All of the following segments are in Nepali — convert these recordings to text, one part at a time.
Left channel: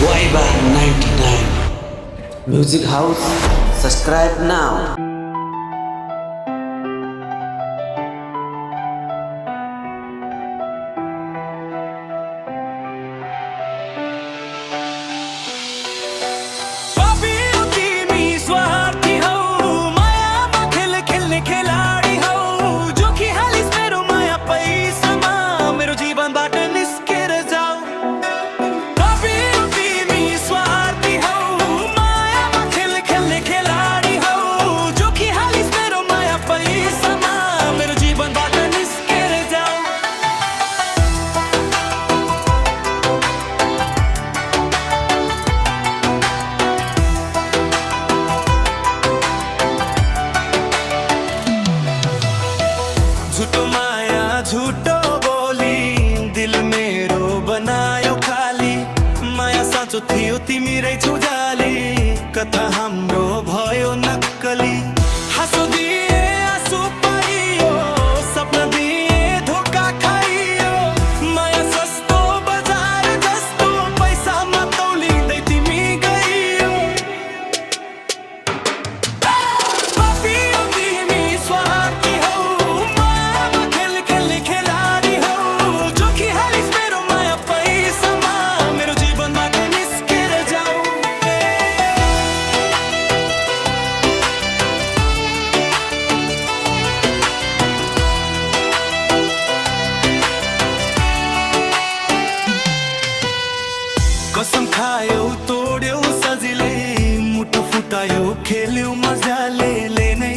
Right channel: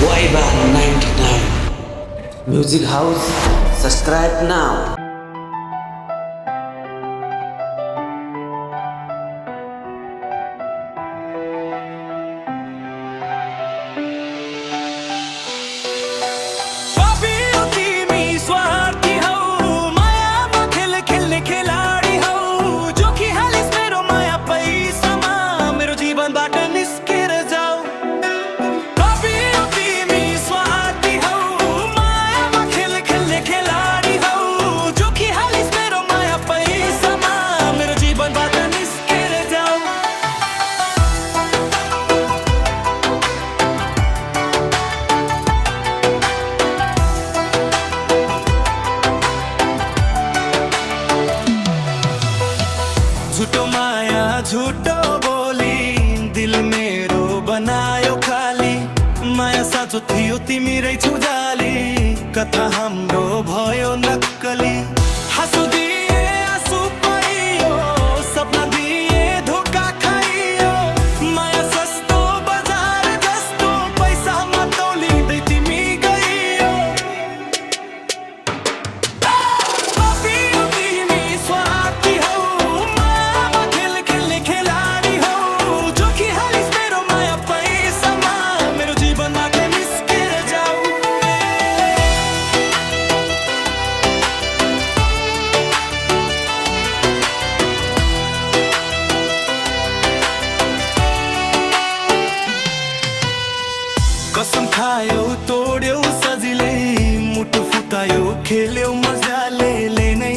Vibe 99 Music House. Subscribe now. झूठो माया झूठो बोली दिल मेरो बनायो खाली माया साँचो थियो तिमी रहेछौ जाली कथा हाम्रो भयो नक्कली हाँसो दिए आँसु पाइयो सपना दिए धोका खाइयो माया सस्तो बजार जस्तो पैसामा तौलिँदै तिमी गइयो पापियो तिमी स्वार्थी हौ कसम खायो तोड्यौ सजिलै मुटु फुटायो खेल्यौ मजाले नै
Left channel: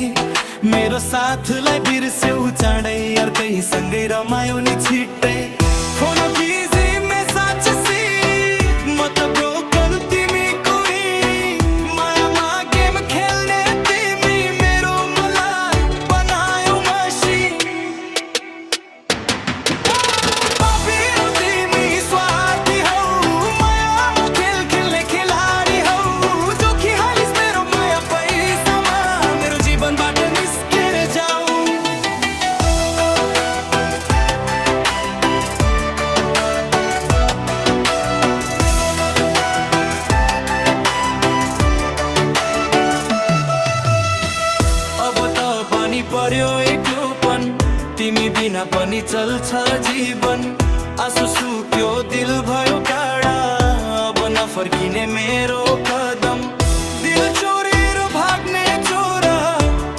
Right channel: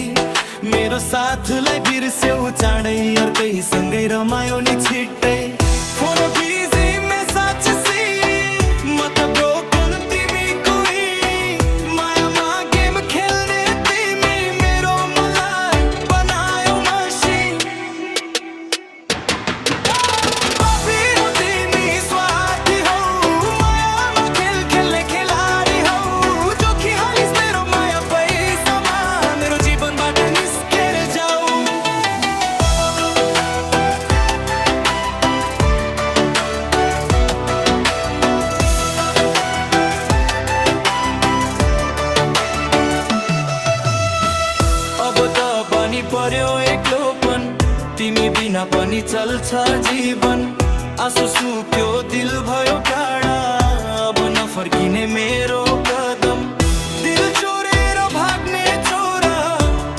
मेरो साथलाई बिर्स्यौ चाँडै अर्कैसँगै रमायो नि छिट्टै फोन बिजी मेसेज सी म त ब्रोकन तिमी कोही मायामा गेम खेल्ने तिमी मेरो मलाई बनायो मसिन पापियो तिमी स्वार्थी हौ अब त पनि पर्यो एक्लोपन तिमी बिना पनि चल्छ जीवन आँसु सुक्यो दिल भयो काडा अब नफर्किने मेरो कदम दिल चोरेर भाग्ने चोरा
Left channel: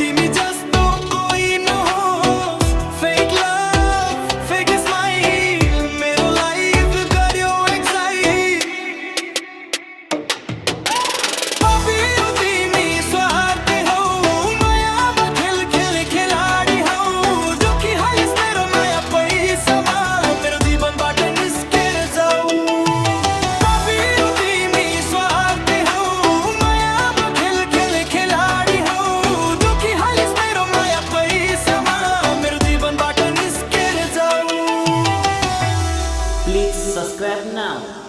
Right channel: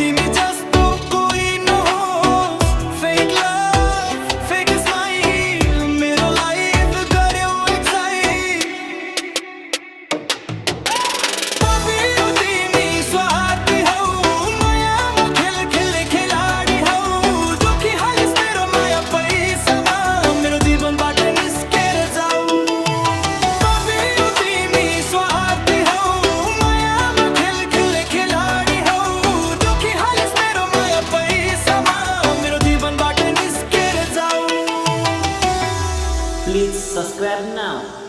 तिमी जस्तो कोही नहोस् फेक लभ फेक स्माइल मेरो लाइफ गर्यो एक्साइट पापियो तिमी स्वार्थी हौ Please subscribe now.